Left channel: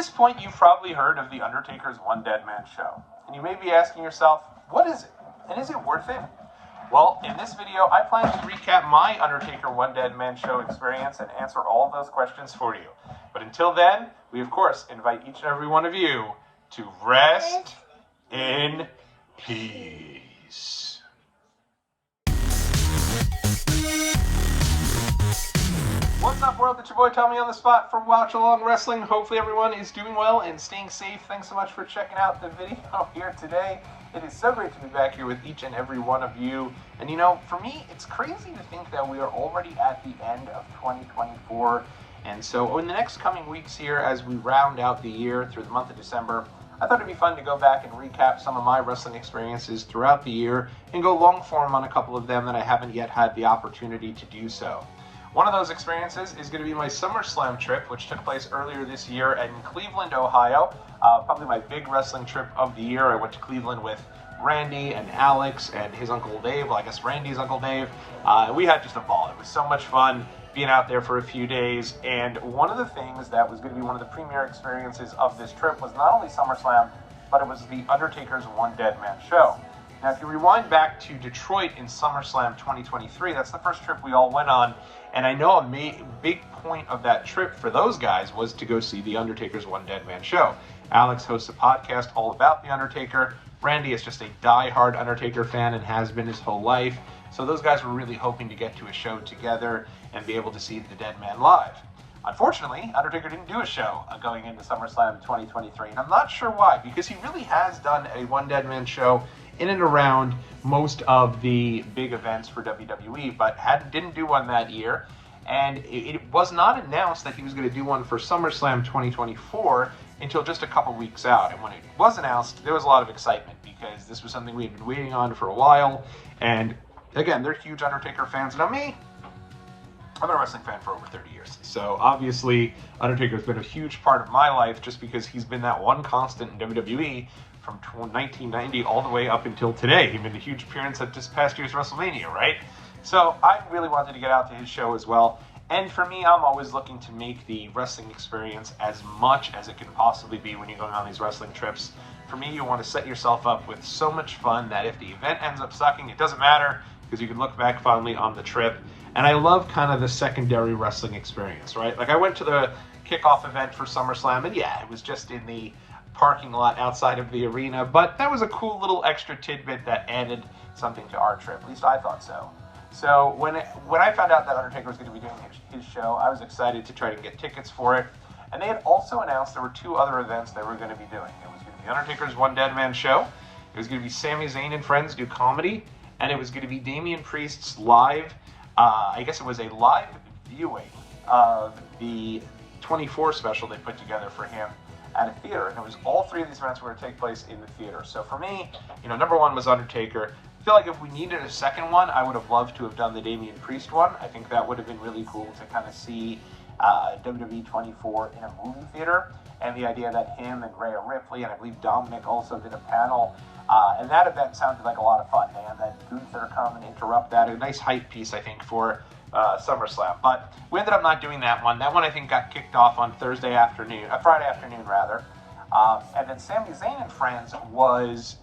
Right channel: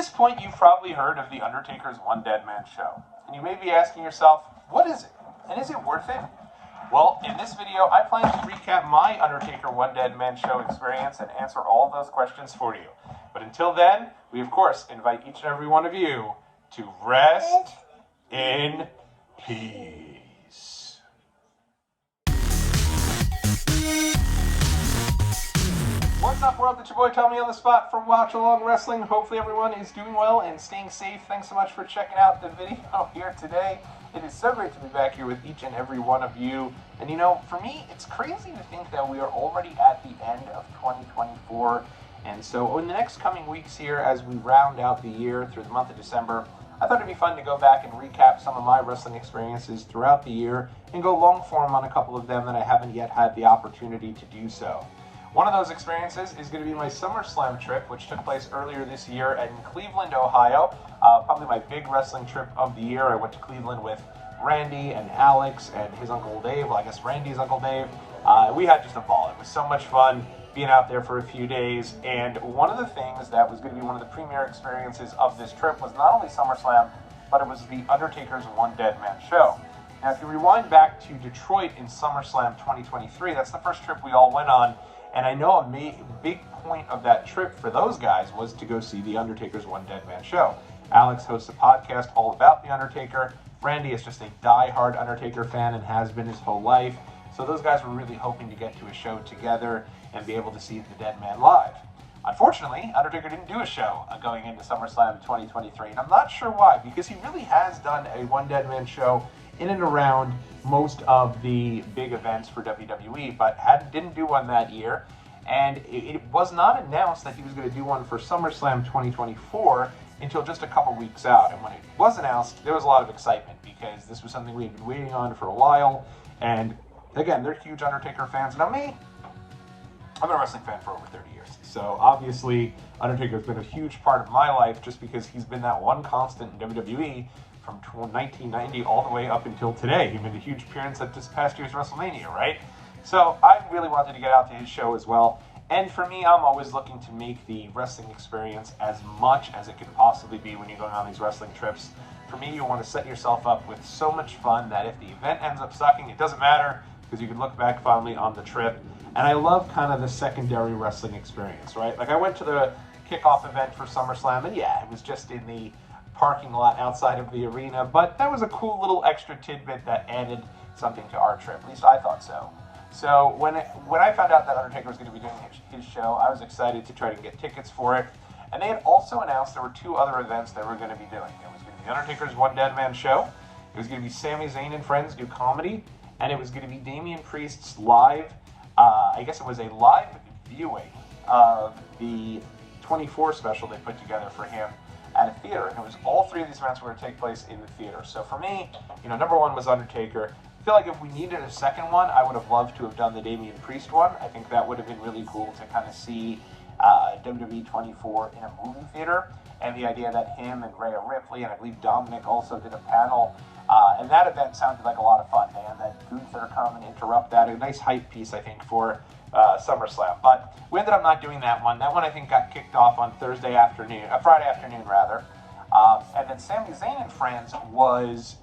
this point, you've probably heard of the Undertaker's One Deadman show. And you may be asking yourself, what is it? And is it worth it? Well, in this video, I plan to recap my Undertaker One Deadman show experience and answer all of those questions for you. But until then, we of course invite each and every one of you to rest in peace. What's up, world? It's your boy Tommy on the spot for Watch Along Wrestling. Hopefully everyone is doing well and staying safe. Thanks so much for checking out the video here today. It is so great to be back here with each and every one of you. And you know, for me, it's crazy to think that we are already at the end of 2024. And so in the next coming weeks here, as we round out the year through the month of December, I thought it'd be fun to go back and recap some of my wrestling experiences throughout the year and go long form on a couple of them that I haven't yet had the opportunity to do so. One of those experiences is going to be my Summerslam trip, which took place earlier this year in Cleveland, Ohio. Probably my big wrestling trip of the year. I went to Cleveland with Randy and Alex and his Uncle Dave. Well, I guess Randy's Uncle Dave. We had just a ball. It was so much fun being out there for a few days. And one of the things that was going to be one of the premier experiences of this trip was not only SummerSlam, but it was the Undertaker's One Deadman show. Now, if you rewind back to Detroit in SummerSlam 2023, that's the first trip we all went on. And I know a big point of that trip for those guys was to go see the Undertaker's One Deadman show. Alex hosts a podcast all about the Undertaker. Randy is just a die-hard Undertaker fan and has been his whole life. So those guys were really hoping to get to a show together and be able to see the Deadman live. Unfortunately, Undertaker didn't do a show going into SummerSlam 2023, and I'm not sure why, because he really has done a One Deadman show in and around most of the big events for WWE, but didn't do one that year. And it was not announced that he was going to do one for SummerSlam 2024 until just a couple weeks out. And when it was announced, there was a lot of excitement because this was something we had been waiting on for a while. And again, they're huge Undertaker fans. Now me, I've been a wrestling fan for over 30 years. So obviously, Undertaker's been a huge part of my life just because he's been that one constant in WWE from 1990 all the way up until today. He made a huge appearance at this past year's WrestleMania, right? So I really wanted to get out to his show as well. And for me, I'm always looking to make the wrestling experience as much as it can possibly be when you're going on these wrestling trips. For me, you want to set yourself up with so much fun that if the event ends up sucking, it doesn't matter because you can look back fondly on the trip. And I love kind of the secondary wrestling experience, right? Like I went to the kickoff event for SummerSlam, and yeah, it was just in the parking lot outside of the arena, but that was a cool little extra tidbit that added something to our trip. At least I thought so. So when I found out that Undertaker was going to be doing his show, I was excited to try to get tickets for it. And they had also announced there were two other events they were going to be doing. It was going to be Undertaker's One Deadman show. It was going to be Sami Zayn and Friends do comedy, and it was going to be Damian Priest's live. I guess it was a live viewing of the 24 special they put together for him at a theater, and it was all three of these events were going to take place in the theater. So for me, you know, number one was Undertaker. I feel like if we needed a second one, I would have loved to have done the Damian Priest one. I think that would have been really cool to kind of see WWE 24 in a movie theater, and the idea that him and Rhea Ripley, and I believe Dominic also did a panel, and that event sounded like a lot of fun. They had that Gunther come and interrupt that, a nice hype piece, I think, for SummerSlam. But we ended up not doing that one. That one I think got kicked off on Friday afternoon rather. And then Sami Zayn and Friends was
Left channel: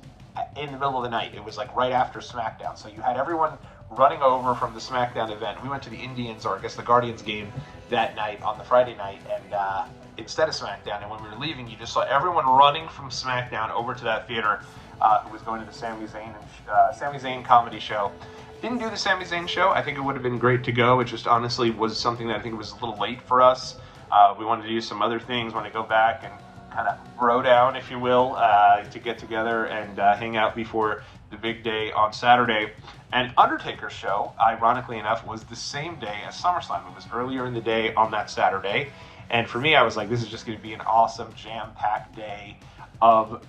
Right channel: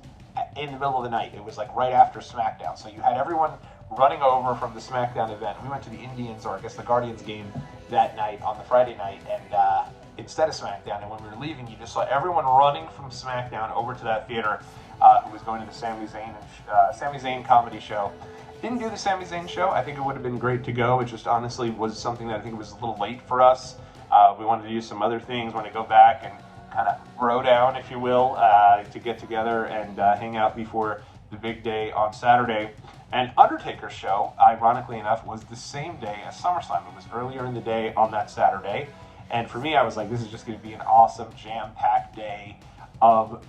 in the middle of the night. It was like right after SmackDown. So you had everyone running over from the SmackDown event. We went to the Indians, or I guess the Guardians game that night on the Friday night, and instead of SmackDown. And when we were leaving, you just saw everyone running from SmackDown over to that theater who was going to the Sami Zayn comedy show. Didn't do the Sami Zayn show. I think it would have been great to go. It just honestly was something that I think it was a little late for us. We wanted to do some other things, wanted to go back and kind of bro down, if you will, to get together and hang out before the big day on Saturday. And Undertaker's show, ironically enough, was the same day as SummerSlam. It was earlier in the day on that Saturday. And for me, I was like, this is just going to be an awesome, jam-packed day of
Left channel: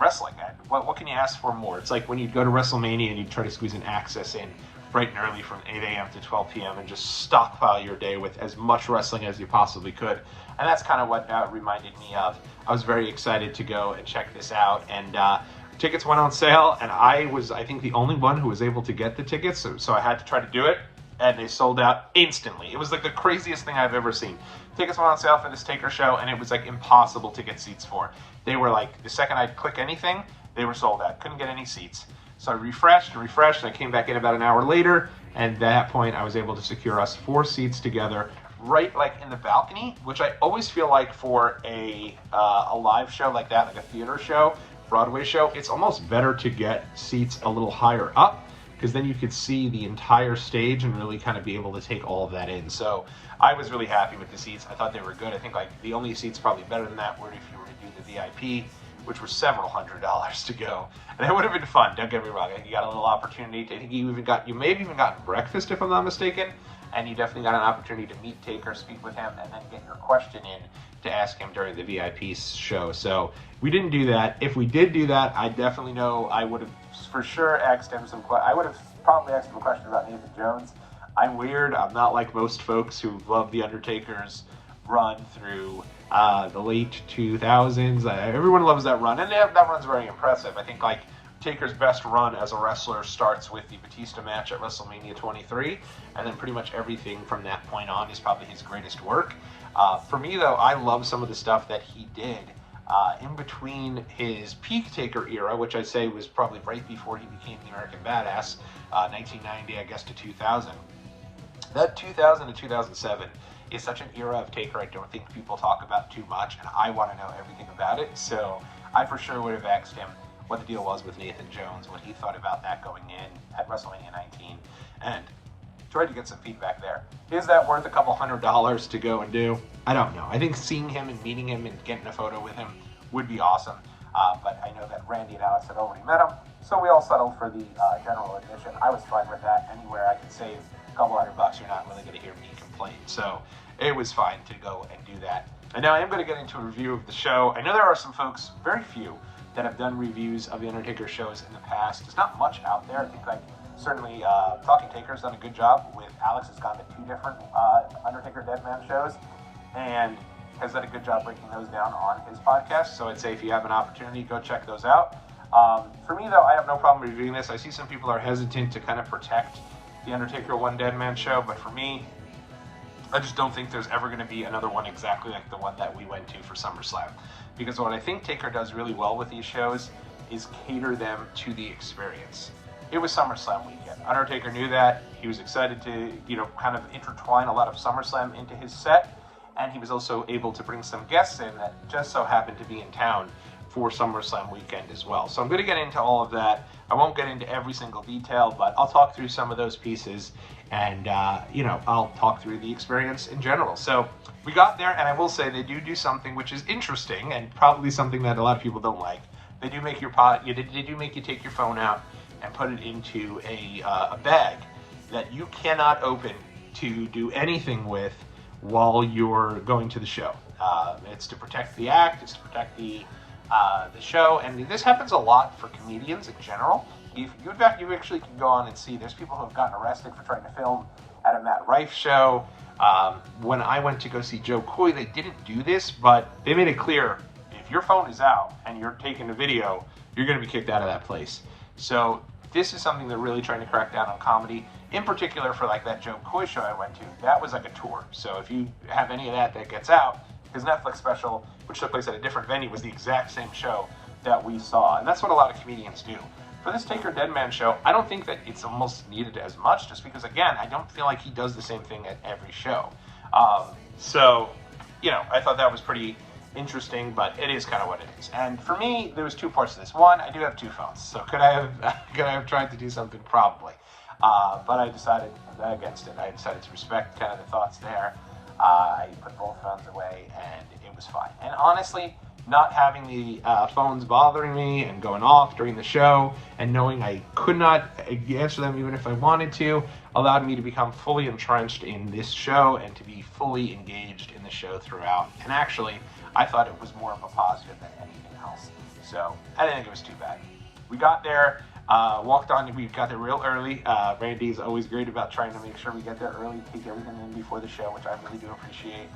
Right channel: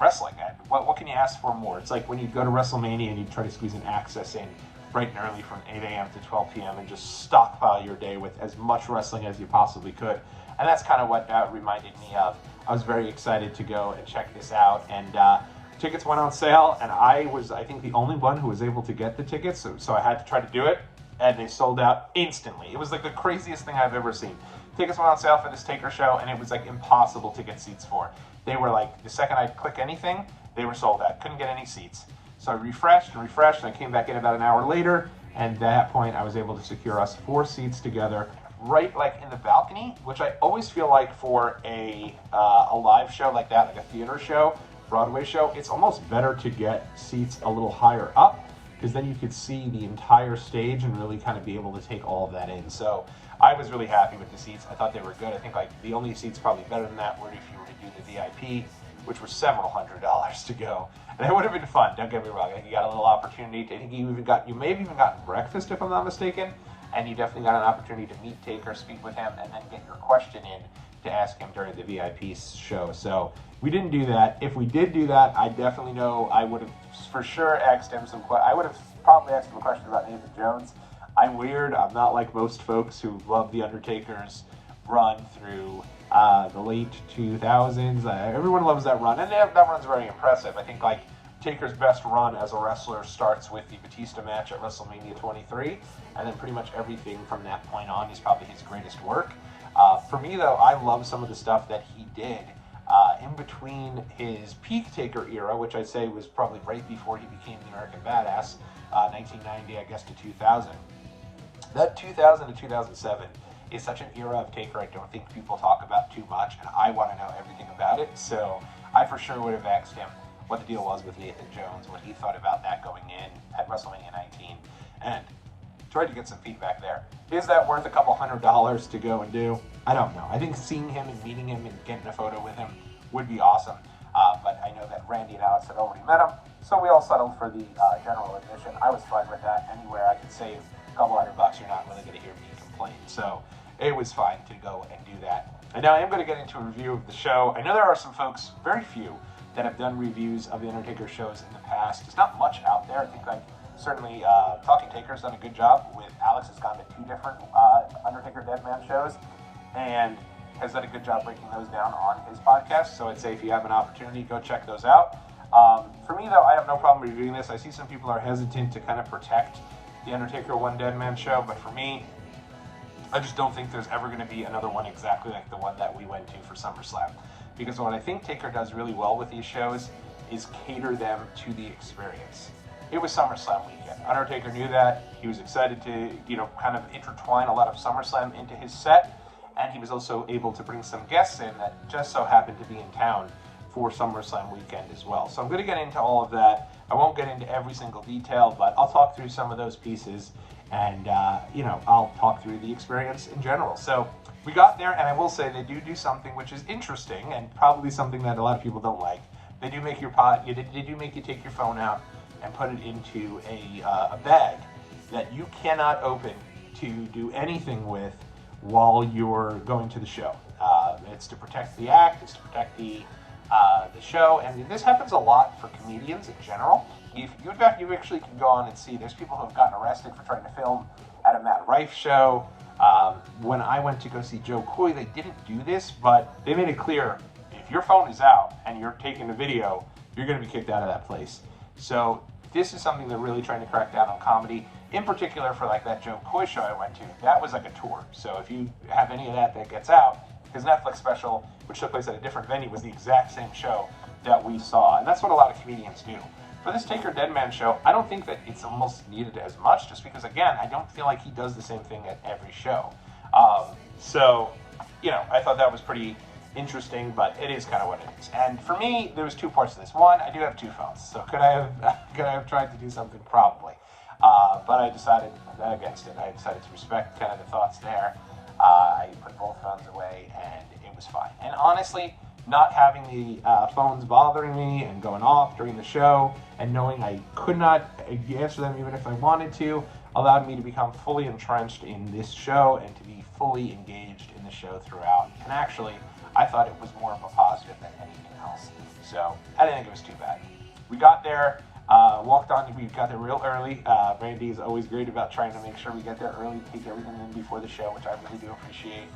wrestling. What can you ask for more? It's like when you go to WrestleMania and you try to squeeze an access in bright and early from 8 a.m. to 12 p.m. and just stockpile your day with as much wrestling as you possibly could. And that's kind of what that reminded me of. I was very excited to go and check this out. And tickets went on sale, and I was, I think, the only one who was able to get the tickets, so I had to try to do it. And they sold out instantly. It was like the craziest thing I've ever seen. tickets went on sale for this Taker show, and it was like impossible to get seats for. They were like, the second I'd click anything, they were sold out. Couldn't get any seats. So I refreshed and refreshed, and I came back in about an hour later, and at that point I was able to secure us 4 seats together, right like in the balcony, which I always feel like for a live show like that, like a theater show, Broadway show, it's almost better to get seats a little higher up, because then you could see the entire stage and really kind of be able to take all of that in. So I was really happy with the seats. I thought they were good. I think like the only seats probably better than that were if you were to do the VIP, which were several $100s to go. And it would have been fun, don't get me wrong. I think you got a little opportunity to, I think you may have even gotten breakfast if I'm not mistaken, and you definitely got an opportunity to meet Taker, speak with him, and then get your question in to ask him during the VIP show. So we didn't do that. If we did do that, I definitely know I would have for sure asked him I would have probably asked him a question about Nathan Jones. I'm weird. I'm not like most folks who love the Undertaker's run through the late 2000s. Everyone loves that run, and that run's very impressive. I think like Taker's best run as a wrestler starts with the Batista match at WrestleMania 23, and then pretty much everything from that point on is probably his greatest work. For me, though, I love some of the stuff that he did in between his peak Taker era, which I'd say was probably right before he became the American Badass, 1990, I guess, to 2000. That 2000 to 2007 is such an era of Taker I don't think people talk about too much, and I want to know everything about it. So I for sure would have asked him what the deal was with Nathan Jones, what he thought about that going in at WrestleMania 19, and tried to get some feedback there. Is that worth a couple $100s to go and do? I don't know. I think seeing him and meeting him and getting a photo with him would be awesome. But I know that Randy and Alex had already met him, so we all settled for the general admission. I was fine with that. Anywhere I could save a couple $100, you're not really going to hear me complain. So it was fine to go and do that. And now I am going to get into a review of the show. I know there are some folks, very few, that have done reviews of the Undertaker shows in the past. There's not much out there. I think like certainly Talking Taker's done a good job with Alex. Has gone to 2 different Undertaker Deadman shows and has done a good job breaking those down on his podcast. So I'd say if you have an opportunity, go check those out. For me though, I have no problem reviewing this. I see some people are hesitant to kind of protect the Undertaker One Deadman show, but for me, I just don't think there's ever going to be another one exactly like the one that we went to for SummerSlam. Because what I think Taker does really well with these shows is cater them to the experience. It was SummerSlam weekend. Undertaker knew that. He was excited to, kind of intertwine a lot of SummerSlam into his set. And he was also able to bring some guests in that just so happened to be in town for SummerSlam weekend as well. So I'm going to get into all of that. I won't get into every single detail, but I'll talk through some of those pieces. And, I'll talk through the experience in general. So we got there, and I will say they do something which is interesting and probably something that a lot of people don't like. They do make they do make you take your phone out and put it into a bag that you cannot open to do anything with while you're going to the show. It's to protect the act, it's to protect the show, and this happens a lot for comedians in general. If you, in fact, you actually can go on and see, there's people who have gotten arrested for trying to film at a Matt Rife show. When I went to go see Joe Coy, they didn't do this, but they made it clear, if your phone is out and you're taking a video, you're going to be kicked out of that place. So this is something they're really trying to crack down on comedy, in particular for like that Joe Coy show I went to. That was like a tour. So if you have any of that gets out, his Netflix special, which took place at a different venue, was the exact same show that we saw. And that's what a lot of comedians do. For this Taker Deadman show, I don't think that it's almost needed as much, just because, again, I don't feel like he does the same thing at every show. I thought that was pretty interesting, but it is kind of what it is. And for me, there was 2 parts to this. One, I do have 2 phones, so could I have tried to do something? Probably. But I decided against it. I decided to respect kind of the thoughts there. I put both phones away, and it was fine. And honestly, not having the phones bothering me and going off during the show and knowing I could not answer them even if I wanted to allowed me to become fully entrenched in this show and to be fully engaged in the show throughout. And actually, I thought it was more of a positive than anything else. So I didn't think it was too bad. We got there, we got there real early. Randy is always great about trying to make sure we get there early, take everything in before the show, which I really do appreciate.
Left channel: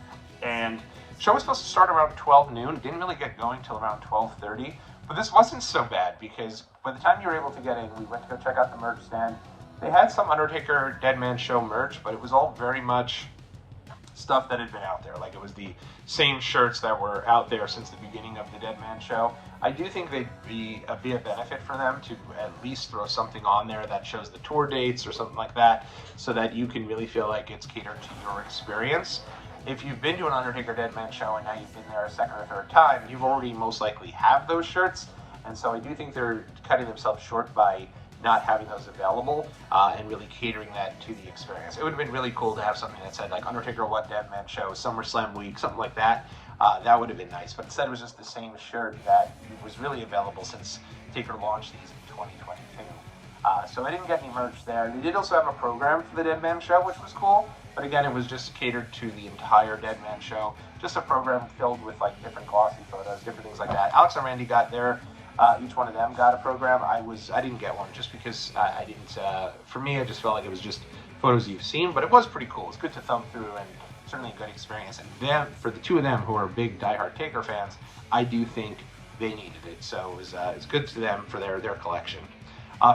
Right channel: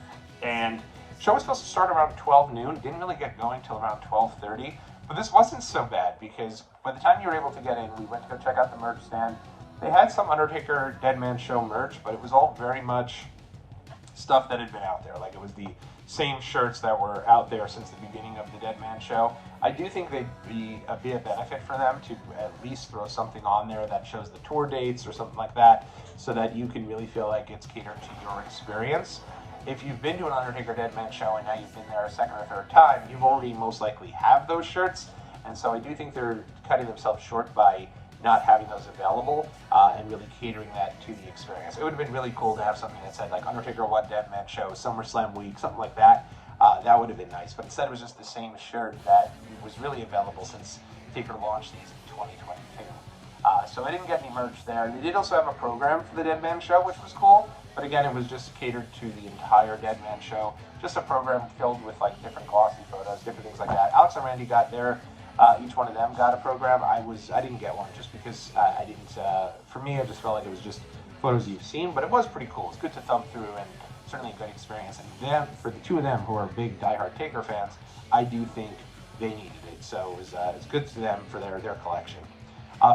And the show was supposed to start around 12 noon. It didn't really get going until around 12:30. But this wasn't so bad because by the time you were able to get in, we went to go check out the merch stand. They had some Undertaker Deadman show merch, but it was all very much stuff that had been out there. Like, it was the same shirts that were out there since the beginning of the Deadman show. I do think they'd be a benefit for them to at least throw something on there that shows the tour dates or something like that, so that you can really feel like it's catered to your experience. If you've been to an Undertaker Deadman show and now you've been there a second or third time, you've already most likely have those shirts, and so I do think they're cutting themselves short by not having those available and really catering that to the experience. It would have been really cool to have something that said like Undertaker What Deadman Show, SummerSlam Week, something like that. That would have been nice, but instead it was just the same shirt that was really available since Taker launched these in 2022. So I didn't get any merch there. They did also have a program for the Deadman show, which was cool, but again, it was just catered to the entire Deadman show. Just a program filled with like different glossy photos, different things like that. Alex and Randy got their, each one of them got a program. I didn't get one just because I didn't, for me, I just felt like it was just photos you've seen, but it was pretty cool. It's good to thumb through and certainly a good experience. And then for the two of them who are big diehard Taker fans, I do think they needed it. So it's good to them for their collection.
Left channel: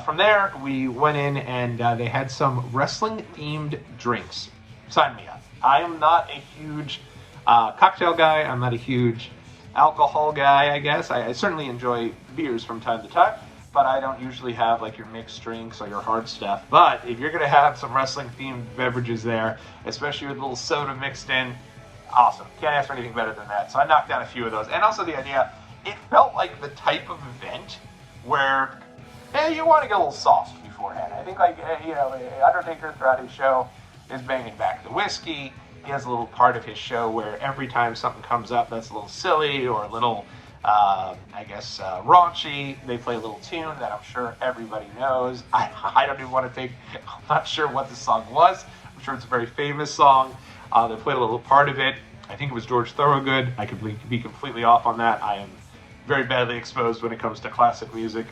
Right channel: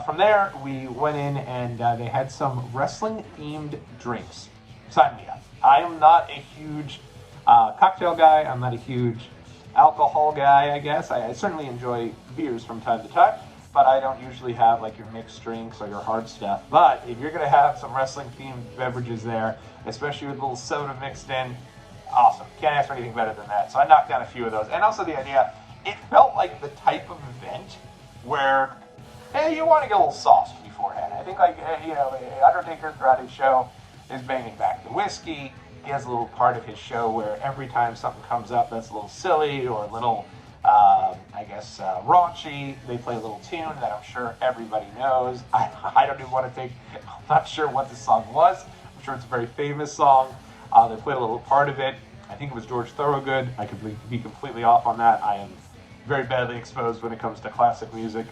From there, we went in and they had some wrestling-themed drinks. Sign me up. I am not a huge cocktail guy. I'm not a huge alcohol guy, I guess. I certainly enjoy beers from time to time, but I don't usually have like your mixed drinks or your hard stuff. But if you're going to have some wrestling-themed beverages there, especially with a little soda mixed in, awesome. Can't ask for anything better than that. So I knocked down a few of those. And also the idea, it felt like the type of event where, hey, you want to get a little sauced beforehand. I think, like, you know, Undertaker throughout his show is banging back the whiskey. He has a little part of his show where every time something comes up that's a little silly or a little, I guess, raunchy, they play a little tune that I'm sure everybody knows. I don't even want to think, I'm not sure what the song was. I'm sure it's a very famous song. They played a little part of it. I think it was George Thorogood. I could be completely off on that. I am very badly exposed when it comes to classic music.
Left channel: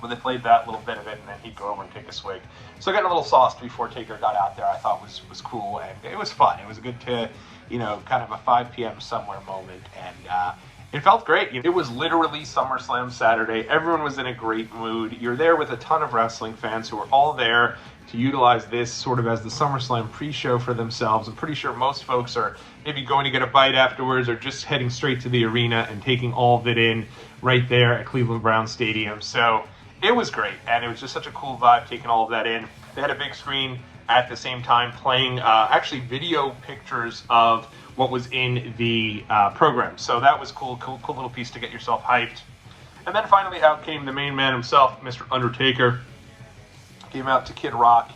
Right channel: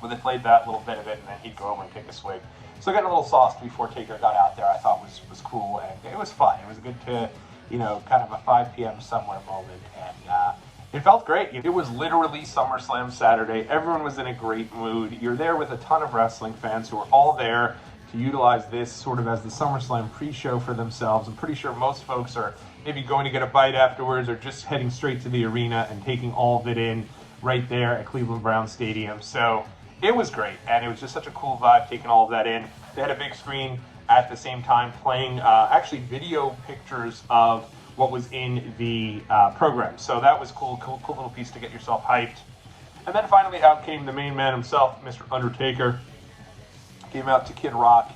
But they played that little bit of it, and then he'd go over and take a swig. So getting a little sauced before Taker got out there, I thought was cool, and it was fun. It was good to, you know, kind of a 5 p.m. somewhere moment, and it felt great. It was literally SummerSlam Saturday. Everyone was in a great mood. You're there with a ton of wrestling fans who are all there to utilize this sort of as the SummerSlam pre-show for themselves. I'm pretty sure most folks are maybe going to get a bite afterwards or just heading straight to the arena and taking all of it in right there at Cleveland Browns Stadium. So it was great, and it was just such a cool vibe taking all of that in. They had a big screen at the same time playing actually video pictures of what was in the program. So that was cool little piece to get yourself hyped. And then finally out came the main man himself, Mr. Undertaker. Came out to Kid Rock,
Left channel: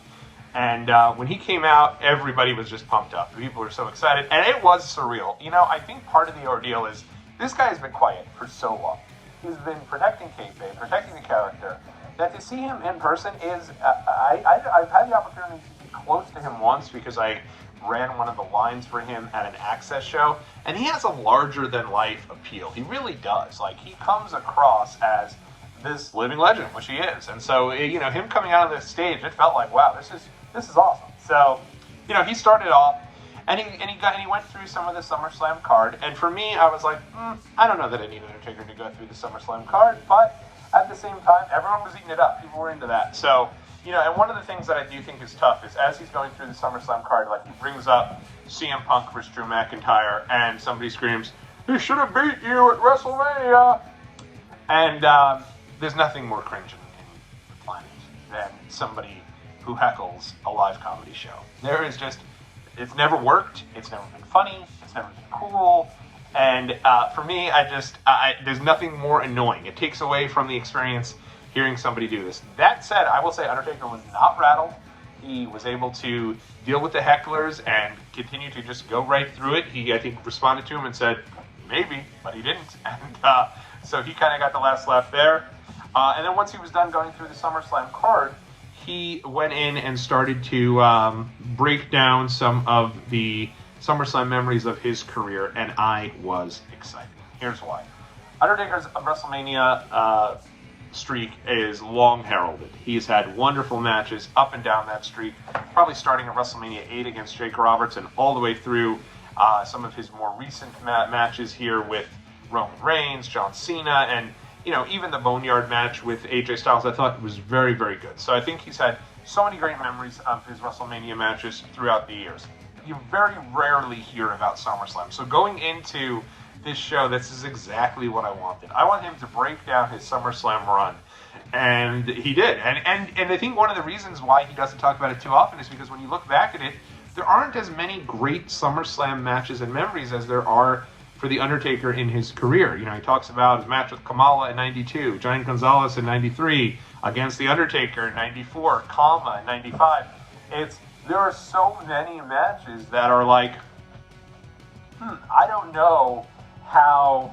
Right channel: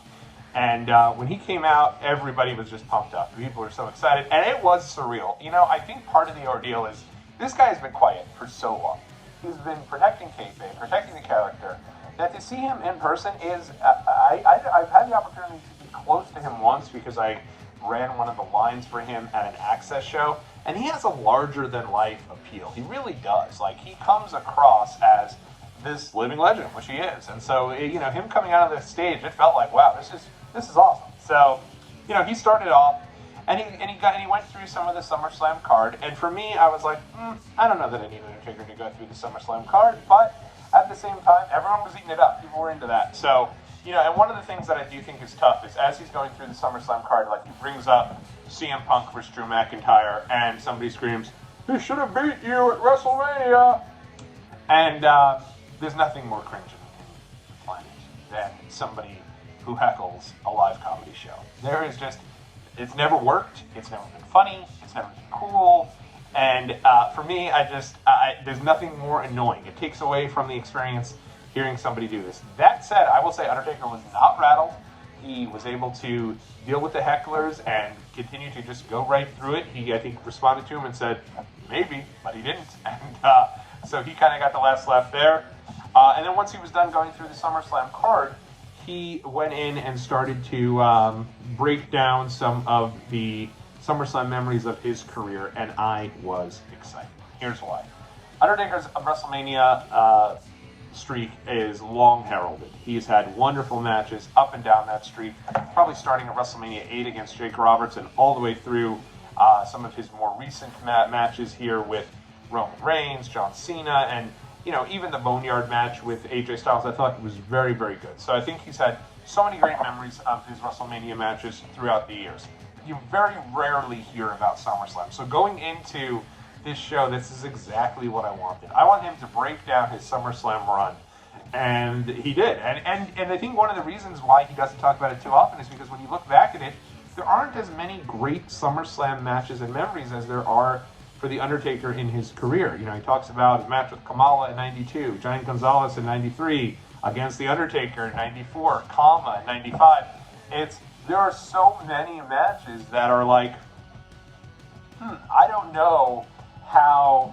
and when he came out, everybody was just pumped up. People were so excited, and it was surreal. You know, I think part of the ordeal is this guy has been quiet for so long. He's been protecting kayfabe, protecting the character, that to see him in person is, I've had the opportunity to be close to him once because I ran one of the lines for him at an Access show, and he has a larger-than-life appeal. He really does. Like, he comes across as this living legend, which he is, and so, you know, him coming out of the stage, it felt like, wow, this is awesome. So, you know, he started off, and he went through some of the SummerSlam card, and for me, I was like, I don't know that I need Undertaker to go through the SummerSlam card, but at the same time, everyone was eating it up. People were into that. So, you know, and one of the things that I do think is tough is as he's going through the SummerSlam card, like he brings up CM Punk versus Drew McIntyre, and somebody screams, "He should have beat you at WrestleMania," and there's nothing more cringe in the planet than somebody who heckles a live comedy show. There is just, it's never worked, it's never been funny, it's never been cool, and for me, there's nothing more annoying. It takes away from the experience hearing somebody do this. That said, I will say Undertaker was not rattled. He was able to deal with the hecklers and continue to just go right through it. He, I think, responded to him and said, maybe, but he didn't. And so he kind of got the last laugh there. And then once he was done going through the SummerSlam card, he went in and started to break down some of the SummerSlam memories of his career, and I was excited. Here's why. Undertaker's WrestleMania streak is long heralded. He's had wonderful matches up and down that streak, probably starting at WrestleMania 8 against Jake Roberts and all the way through some of his more recent matches here with Roman Reigns, John Cena, and you know, even the Boneyard match with AJ Styles, I thought was very, very good. So I think he's had so many great memories of his WrestleMania matches throughout the years. you very rarely hear about SummerSlam. So going into this show, this is exactly what I wanted. I want him to break down his SummerSlam run. And he did. And I think one of the reasons why he doesn't talk about it too often is because when you look back at it, there aren't as many great SummerSlam matches and memories as there are for The Undertaker in his career. You know, he talks about his match with Kamala in 92, Giant Gonzalez in 93, against The Undertaker in 94, Kama in 95. There are so many matches that are like, I don't know how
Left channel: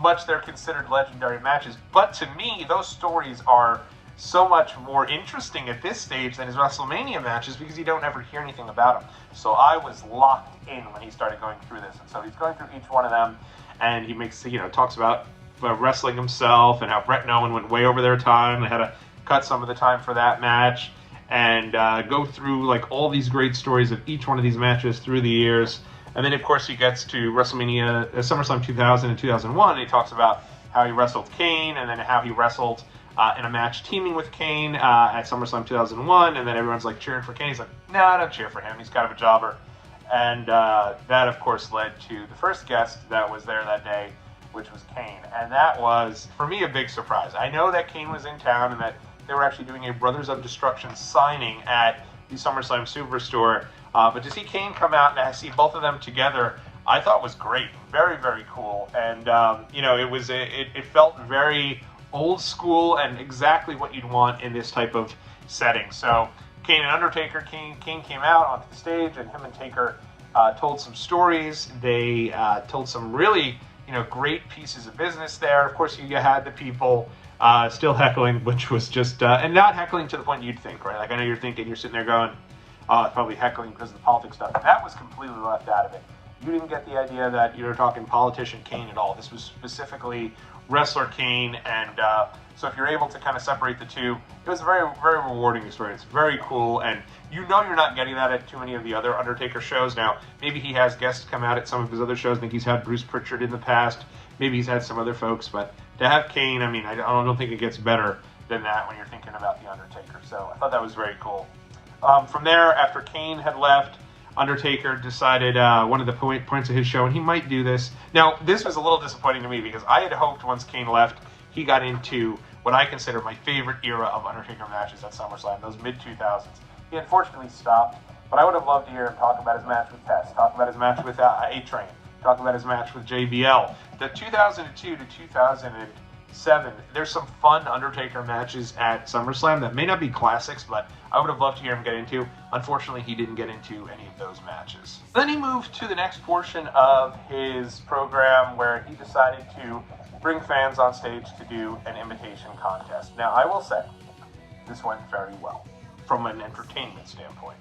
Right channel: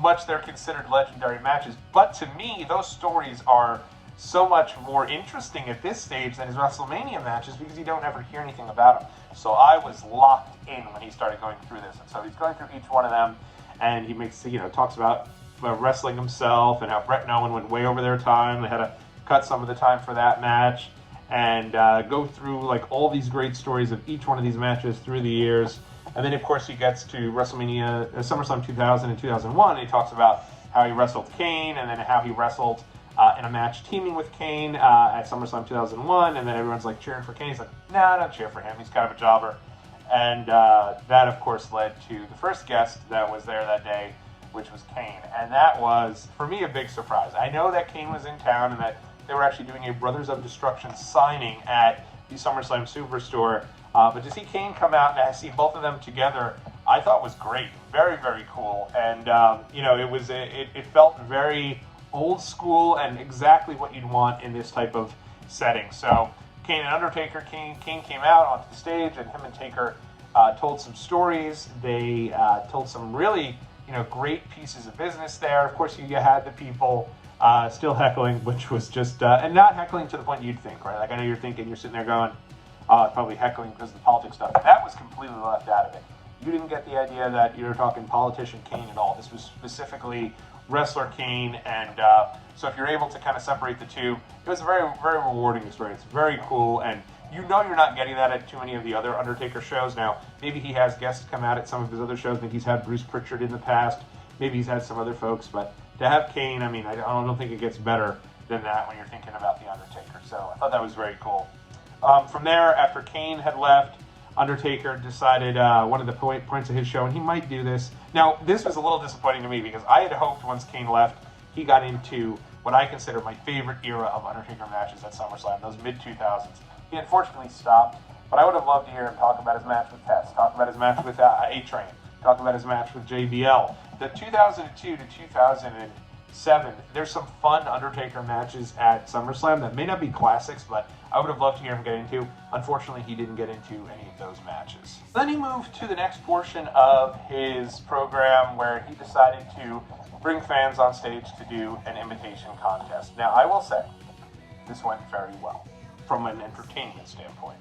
much they're considered legendary matches, but to me, those stories are so much more interesting at this stage than his WrestleMania matches because you don't ever hear anything about them. So I was locked in when he started going through this, and so he's going through each one of them, and he makes, talks about wrestling himself and how Brett and Owen went way over their time. They had to cut some of the time for that match, and go through like all these great stories of each one of these matches through the years. And then, of course, he gets to WrestleMania, SummerSlam 2000 and 2001, and he talks about how he wrestled Kane, and then how he wrestled in a match teaming with Kane at SummerSlam 2001, and then everyone's like cheering for Kane. He's like, nah, don't cheer for him. He's kind of a jobber. And that, of course, led to the first guest that was there that day, which was Kane. And that was, for me, a big surprise. I know that Kane was in town and that they were actually doing a Brothers of Destruction signing at the SummerSlam Superstore. But to see Kane come out and I see both of them together, I thought was great. Very, very cool. And, it felt very old school and exactly what you'd want in this type of setting. So Kane and Undertaker, Kane came out onto the stage, and him and Taker told some stories. They told some really, great pieces of business there. Of course, you had the people still heckling, which was just, and not heckling to the point you'd think, right? Like, I know you're sitting there going, it's probably heckling because of the politics stuff. And that was completely left out of it. You didn't get the idea that you were talking politician Kane at all. This was specifically wrestler Kane, and so if you're able to kind of separate the two, it was a very, very rewarding experience. Very cool, and you're not getting that at too many of the other Undertaker shows. Now, maybe he has guests come out at some of his other shows. I think he's had Bruce Pritchard in the past. Maybe he's had some other folks, but to have Kane, I mean, I don't think it gets better than that when you're thinking about the Undertaker. So I thought that was very cool. From there, after Kane had left, Undertaker decided one of the points of his show, and he might do this. Now, this was a little disappointing to me because I had hoped once Kane left, he got into what I consider my favorite era of Undertaker matches at SummerSlam, those mid-2000s. He unfortunately stopped, but I would have loved to hear him talk about his match with Test, talk about his match with A-Train, talk about his match with JBL. The 2002 to 2007, there's some fun Undertaker matches at SummerSlam that may not be classics, but I would have loved to hear him get into. Unfortunately, he didn't get into any of those matches. Then he moved to the next portion of his program where he decided to bring fans on stage to do an imitation contest. Now, I will say, this went very well from an entertainment standpoint.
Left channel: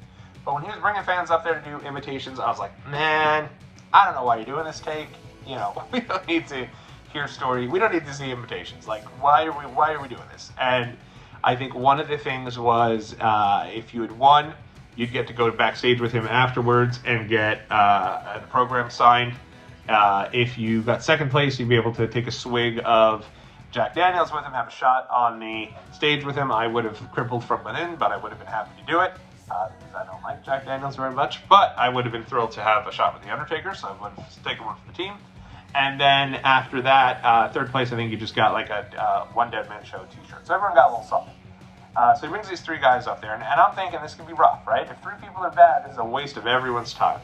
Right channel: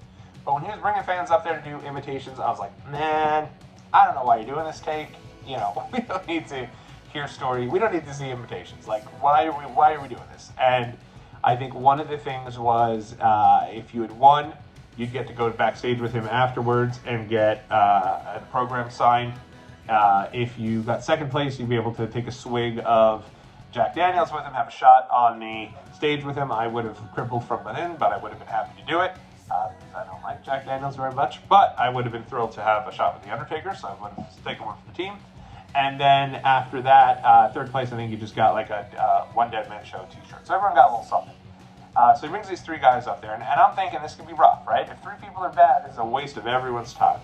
But when he was bringing fans up there to do imitations, I was like, man, I don't know why you're doing this take. We don't need to hear story. We don't need to see imitations. Like, why are we doing this? And I think one of the things was if you had won, you'd get to go backstage with him afterwards and get a program signed. If you got second place, you'd be able to take a swig of Jack Daniels with him, have a shot on the stage with him. I would have crippled from within, but I would have been happy to do it. Because I don't like Jack Daniels very much, but I would have been thrilled to have a shot with The Undertaker, so I would have taken one for the team. And then after that, third place, I think you just got like a One Deadman Show t-shirt. So everyone got a little something. So he brings these three guys up there, and I'm thinking this could be rough, right? If three people are bad, this is a waste of everyone's time.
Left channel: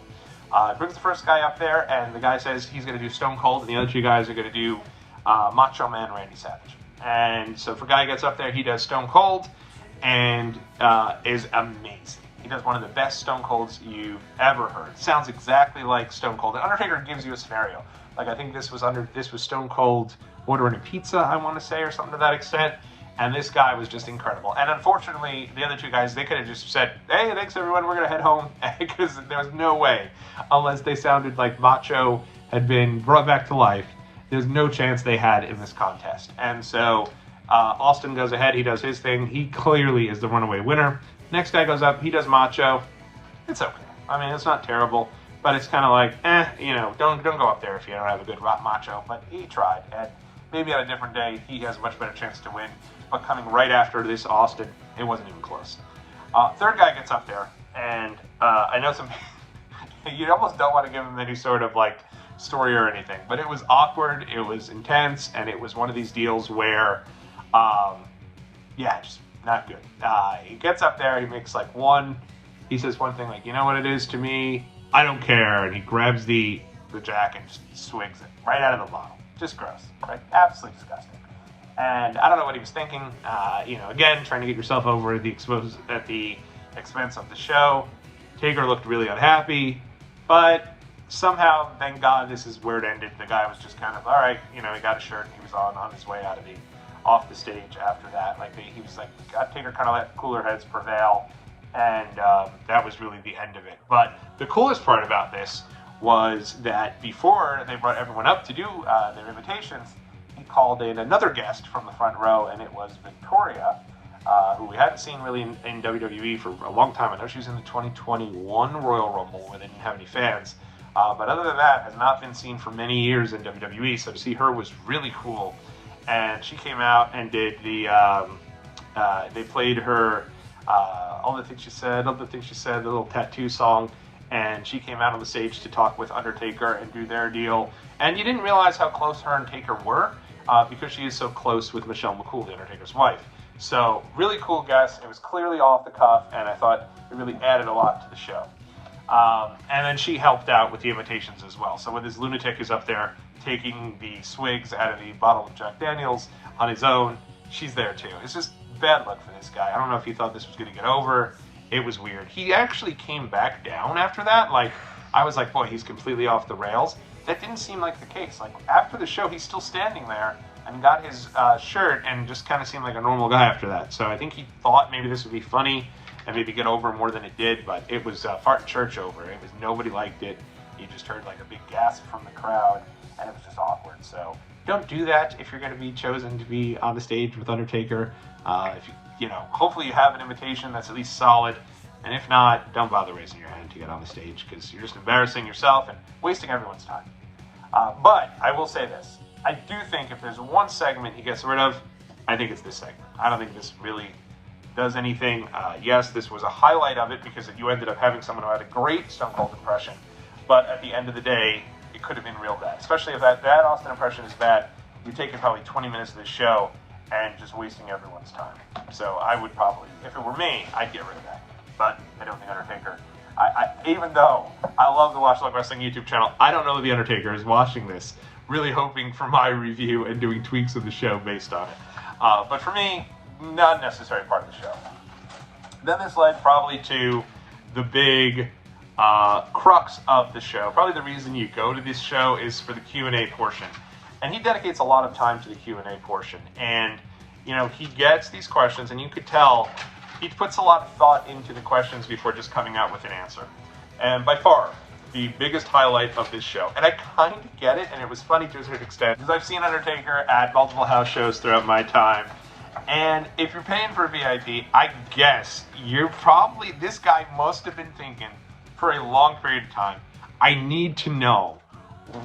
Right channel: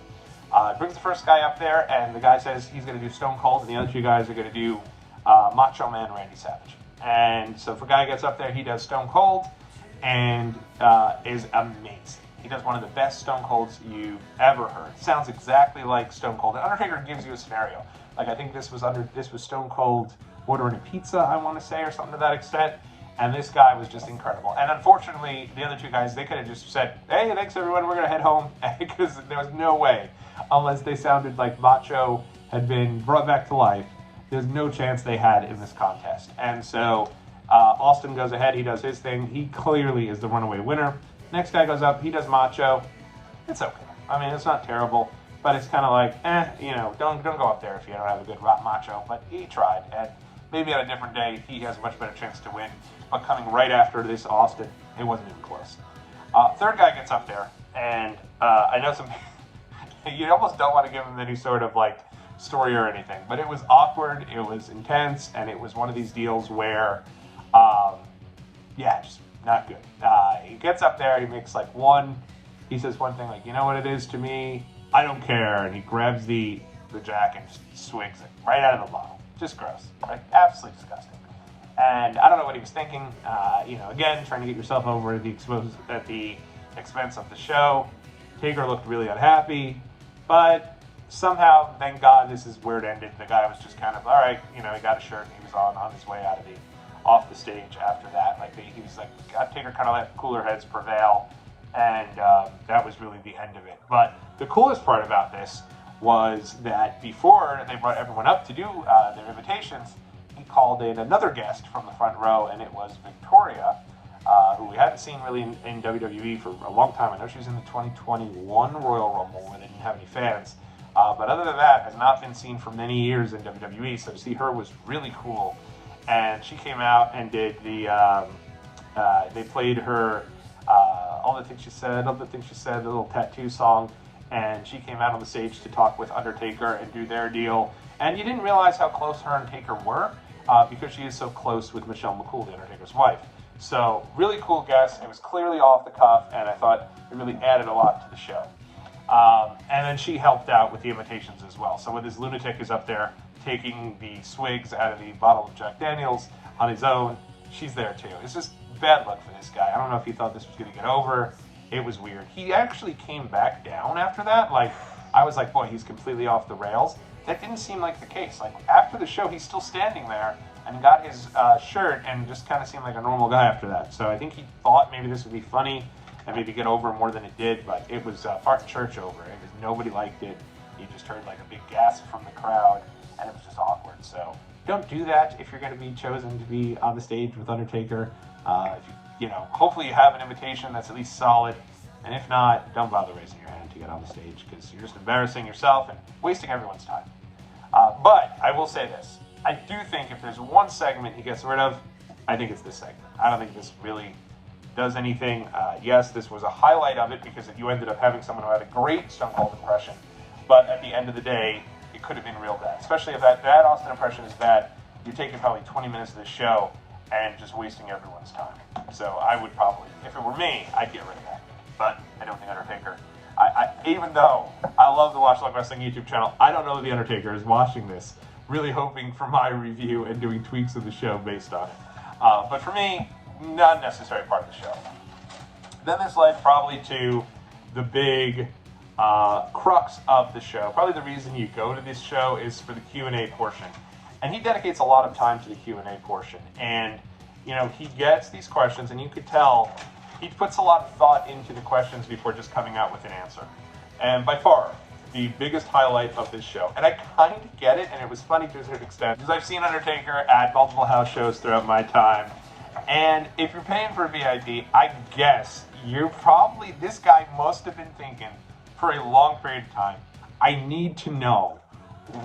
Brings the first guy up there, and the guy says he's going to do Stone Cold, and the other two guys are going to do Macho Man Randy Savage. And so if a guy gets up there, he does Stone Cold, and is amazing. He does one of the best Stone Colds you've ever heard. Sounds exactly like Stone Cold. The Undertaker gives you a scenario. Like, I think this was Stone Cold ordering a pizza, I want to say, or something to that extent. And this guy was just incredible. And unfortunately, the other two guys, they could have just said, hey, thanks everyone, we're going to head home. Because there was no way, unless they sounded like Macho had been brought back to life, there's no chance they had in this contest. And so Austin goes ahead, he does his thing. He clearly is the runaway winner. Next guy goes up, he does Macho. It's okay. I mean, it's not terrible, but it's kind of like, don't go up there if you don't have a good Macho. But he tried, and maybe on a different day, he has a much better chance to win. But coming right after this Austin, it wasn't even close. Third guy gets up there, and I know you almost don't want to give him any sort of like story or anything. But it was awkward, it was intense, and it was one of these deals where, yeah, just not good. He gets up there, he says one thing like, you know what it is to me? I don't care. And he grabs the jack and just swigs it right out of the bottle. Just gross, right? Absolutely disgusting. And I don't know what he was thinking. Again, trying to get yourself over at the expense of the show. Taker looked really unhappy, but somehow, thank God, this is where it ended. The guy was just kind of, all right, he got a shirt and he was on his way off the stage after that. Like, he was like, Taker kind of let cooler heads prevail, and that was really the end of it. But the coolest part about this was that before they brought everyone up to do their invitations, he called in another guest from the front row, and it was Victoria, who we hadn't seen really in WWE for a long time. I know she was in the 2021 Royal Rumble where they didn't have any fans. But other than that, has not been seen for many years in WWE, so to see her was really cool. And she came out and did they played her All the Things She Said, the little tattoo song, and she came out on the stage to talk with Undertaker and do their deal. And you didn't realize how close her and Taker were, because she is so close with Michelle McCool, the Undertaker's wife. So, really cool guest. It was clearly off the cuff, and I thought it really added a lot to the show. And then she helped out with the invitations as well. So when this lunatic is up there taking the swigs out of the bottle of Jack Daniels on his own, she's there too. It's just bad luck for this guy. I don't know if he thought this was going to get over. It was weird. He actually came back down after that. Like, I was like, boy, he's completely off the rails. That didn't seem like the case. Like, after the show, he's still standing there and got his shirt and just kind of seemed like a normal guy after that. So I think he thought maybe this would be funny and maybe get over more than it did, but it was fart church over. It was, nobody liked it. You just heard like a big gasp from the crowd, and it was just awkward. So don't do that if you're going to be chosen to be on the stage with Undertaker. If hopefully you have an invitation that's at least solid, and if not, don't bother raising your hand to get on the stage, because you're just embarrassing yourself and wasting everyone's time. But I will say this. I do think if there's one segment he gets rid of, I think it's this segment. I don't think this really does anything. Yes, this was a highlight of it because you ended up having someone who had a great Stone Cold impression, but at the end of the day, it could have been real bad. Especially if that Austin impression is bad, you're taking probably 20 minutes of the show and just wasting everyone's time. So I would probably, if it were me, I'd get rid of that. But I don't think Undertaker, even though I love the Watch Log Wrestling YouTube channel, I don't know that the Undertaker is watching this, really hoping for my review and doing tweaks of the show based on it. But for me, not a necessary part of the show. Then this led probably to the big crux of the show. Probably the reason you go to this show is for the Q&A portion. And he dedicates a lot of time to the Q&A portion. And, he gets these questions, and you could tell he puts a lot of thought into the questions before just coming out with an answer. And by far, the biggest highlight of this show. And I kind of get it, and it was funny to a certain extent, because I've seen Undertaker at multiple house shows throughout my time. And if you're paying for a VIP, I guess this guy must have been thinking for a long period of time, I need to know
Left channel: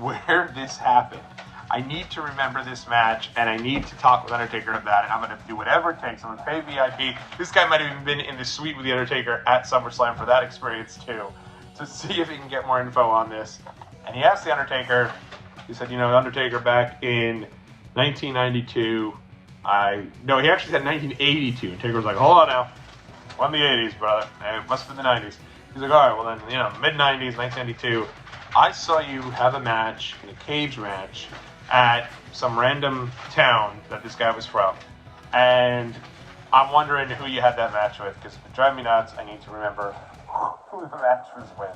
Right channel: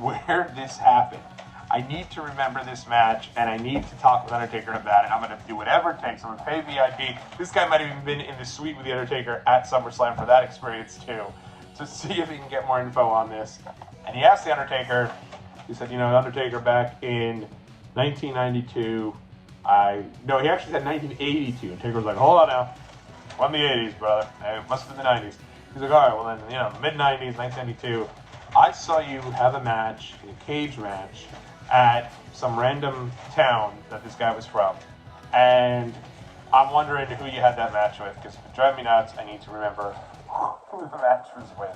where this happened. I need to remember this match, and I need to talk with Undertaker about it. I'm going to do whatever it takes. I'm going to pay VIP. This guy might have even been in the suite with the Undertaker at SummerSlam for that experience too, to see if he can get more info on this. And he asked the Undertaker, he said, Undertaker back in 1992, no, he actually said 1982. Taker was like, hold on now. Won the 80s, brother. It must have been the 90s. He's like, all right, well then, mid-90s, 1992, I saw you have a match, a cage match, at some random town that this guy was from. And I'm wondering who you had that match with, because if it drives me nuts, I need to remember who the match was with.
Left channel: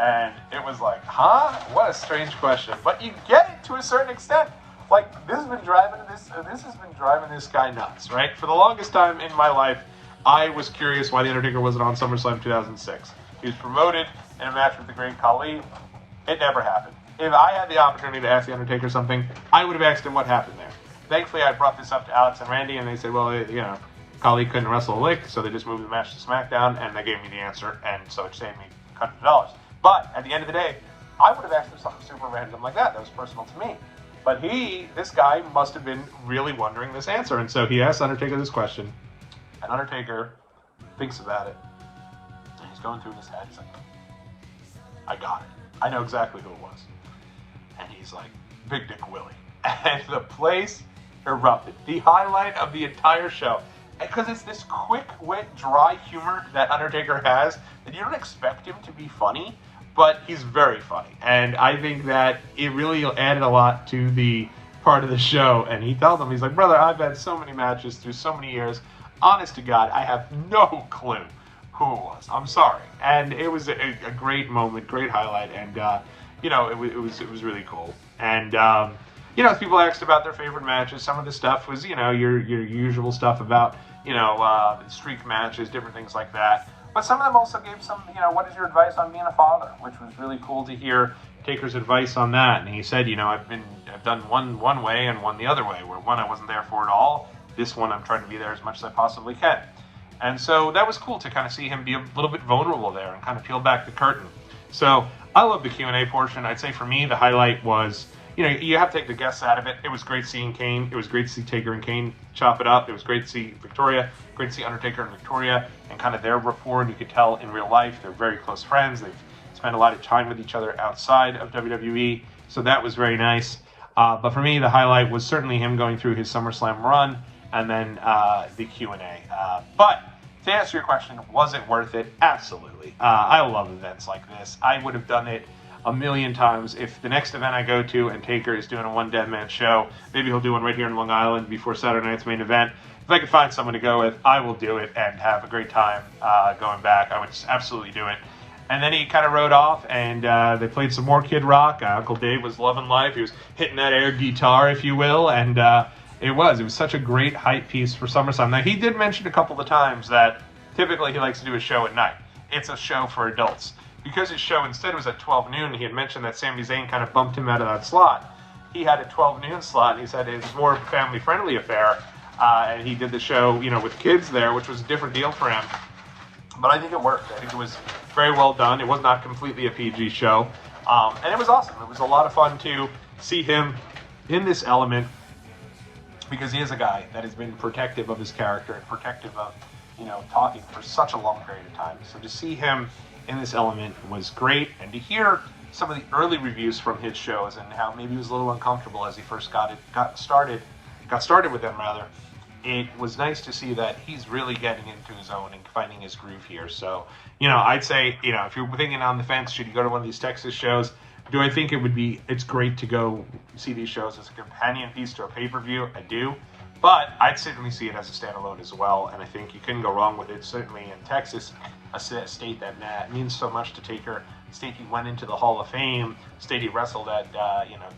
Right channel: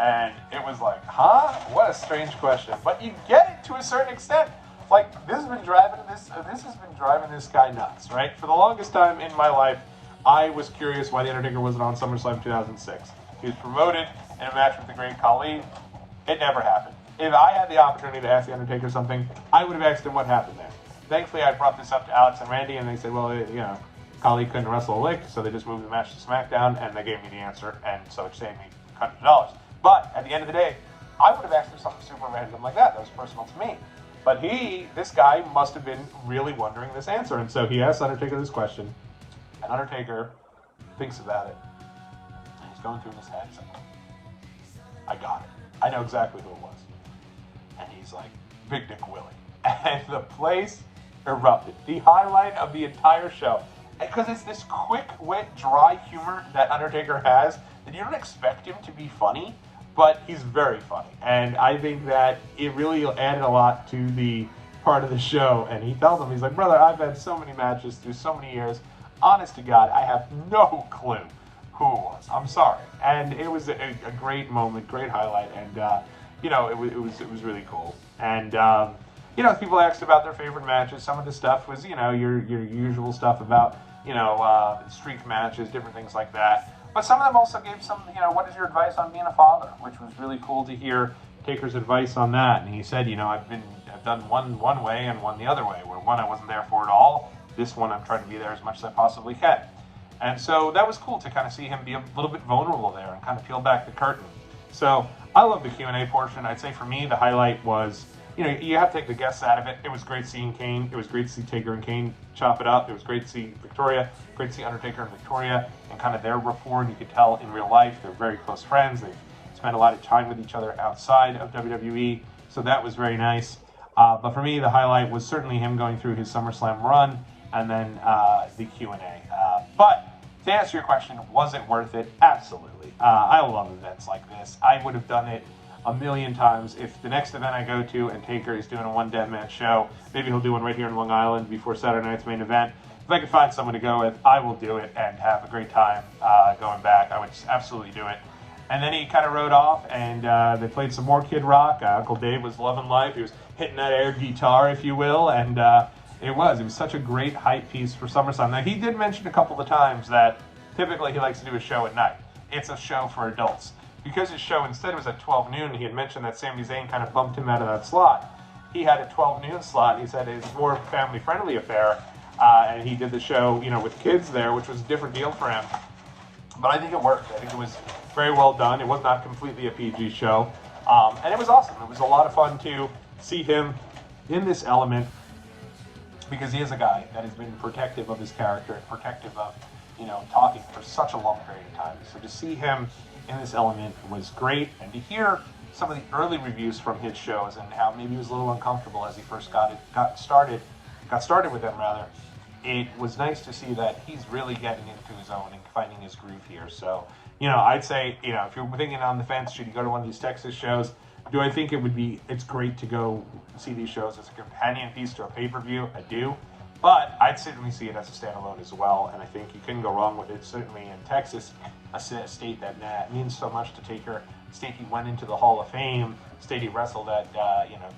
And it was like, huh? What a strange question. But you get it to a certain extent. Like, this has been driving this guy nuts, right? For the longest time in my life, I was curious why The Undertaker wasn't on SummerSlam 2006. He was promoted in a match with the Great Khali. It never happened. If I had the opportunity to ask The Undertaker something, I would have asked him what happened there. Thankfully, I brought this up to Alex and Randy, and they said, well, Khali couldn't wrestle a lick, so they just moved the match to SmackDown, and they gave me the answer, and so it saved me hundreds of dollars. But at the end of the day, I would have asked him something super random like that. That was personal to me. But this guy must have been really wondering this answer, and so he asked Undertaker this question, and Undertaker thinks about it. He's going through his head. He's like, I got it. I know exactly who it was. And he's like, Big Dick Willie. And the place erupted. The highlight of the entire show. Because it's this quick, wit, dry humor that Undertaker has that you don't expect him to be funny, but he's very funny. And I think that it really added a lot to the part of the show. And he tells him, he's like, brother, I've had so many matches through so many years. Honest to God, I have no clue who it was. I'm sorry. And it was a great moment, great highlight. And, you know, it was really cool. And, you know, people asked about their favorite matches. Some of the stuff was, you know, your usual stuff about, you know, streak matches, different things like that. But some of them also gave some, you know, what is your advice on being a father? Which was really cool to hear Taker's advice on that. And he said, you know, I've done one way and one the other way, where one I wasn't there for at all. This one I'm trying to be there as much as I possibly can. And so that was cool to kind of see him be a little bit vulnerable there and kind of peel back the curtain. So I love the Q&A portion. I'd say for me, the highlight was, you know, you have to take the guests out of it. It was great seeing Kane. It was great to see Taker and Kane chop it up. It was great to see Victoria. Great to see Undertaker and Victoria and kind of their rapport. And you could tell in real life they're very close friends. They've spent a lot of time with each other outside of WWE. So that was very nice. But for me, the highlight was certainly him going through his SummerSlam run and then the Q&A. But to answer your question, was it worth it? Absolutely. I love events like this. I would have done it a million times. If the next event I go to and Taker is doing a one Deadman show, maybe he'll do one right here in Long Island before Saturday night's main event. If I could find someone to go with, I will do it and have a great time going back. I would just absolutely do it. And then he kind of rode off, and they played some more Kid Rock. Uncle Dave was loving life. He was hitting that air guitar, if you will, and it was such a great hype piece for SummerSlam. Now, he did mention a couple of times that typically he likes to do a show at night. It's a show for adults. Because his show instead was at 12 noon, he had mentioned that Sami Zayn kind of bumped him out of that slot. He had a 12 noon slot, and he said it was more of a family-friendly affair, and he did the show, you know, with kids there, which was a different deal for him. But I think it worked. I think it was very well done. It was not completely a PG show, and it was awesome. It was a lot of fun to see him in this element, because he is a guy that has been protective of his character and protective of, you know, talking for such a long period of time. So to see him in this element was great, and to hear some of the early reviews from his shows and how maybe he was a little uncomfortable as he first got started with them rather, it was nice to see that he's really getting into his own and finding his groove here. So, you know, I'd say, you know, if you're thinking on the fence, should you go to one of these Texas shows? Do I think it's great to go see these shows as a companion piece to a pay-per-view? I do. But I'd certainly see it as a standalone as well, and I think you couldn't go wrong with it. Certainly in Texas, a state that means so much to Taker, state he went into the Hall of Fame, state he wrestled at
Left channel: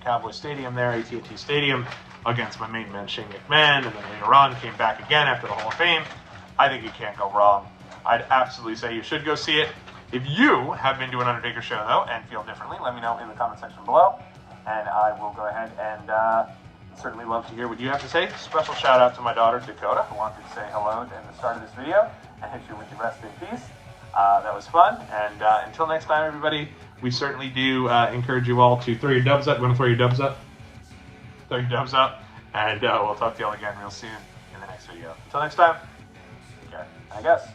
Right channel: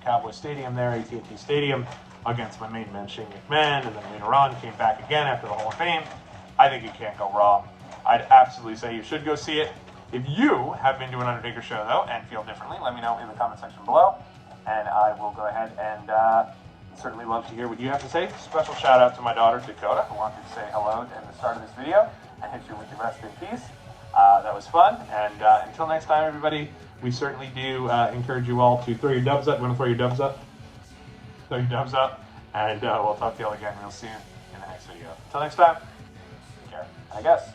Cowboy Stadium there, AT&T Stadium, against my main man Shane McMahon, and then later on came back again after the Hall of Fame. I think you can't go wrong. I'd absolutely say you should go see it. If you have been to an Undertaker show, though, and feel differently, let me know in the comment section below, and I will go ahead and certainly love to hear what you have to say. Special shout out to my daughter, Dakota, who wanted to say hello at the start of this video. I hope you wish you rest in peace. That was fun, and until next time, everybody, we certainly do encourage you all to throw your dubs up. You want to throw your dubs up? Throw your dubs up, and we'll talk to you all again real soon in the next video. Until next time, take care, I guess.